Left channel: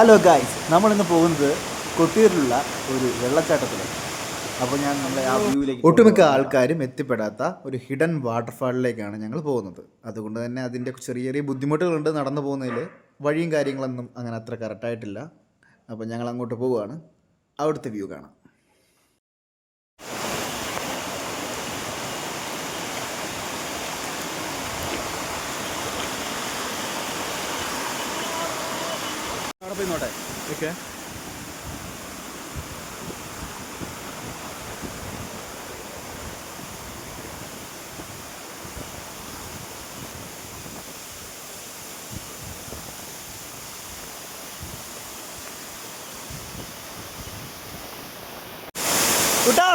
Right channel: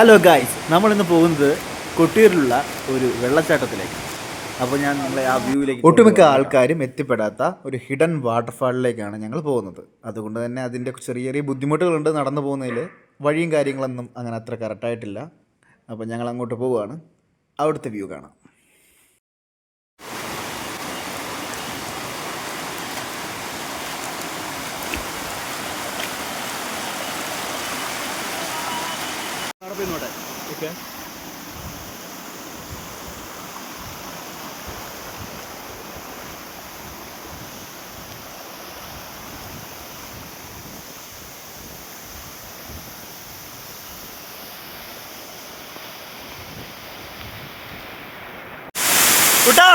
Hello guys, നമ്മളിന്ന് പോകുന്നത് കൊട്ടിയൂരിലുള്ള ഒരു വെള്ളച്ചാട്ടത്തിലേക്ക്. അപ്പോൾ ഞാൻ നമ്മളെ ആ വ്യൂവിലേക്ക് ഒട്ടുമിക്ക ആൾക്കാരും എത്തിപ്പെടാത്ത ഒരു ഹിഡൻ വാട്ടർഫാളിലേക്കാണ് ഞങ്ങൾ പോകുന്നത്. അതുകൊണ്ട് തന്നെ അതിൻ്റെ ചെറിയ ചെറിയ ബുദ്ധിമുട്ടുകളുണ്ട് നടന്നു പോകുന്നതിൽ. വഴിയും കാര്യങ്ങളൊന്നും അങ്ങനെ അത്ര കറക്റ്റായിട്ടില്ല. അപ്പോൾ ഞങ്ങൾ അങ്ങോട്ട് പോവുകയാണ്. അവിടുത്തെ വ്യൂ കാണാം. ഓക്കെ, കുട്ടാ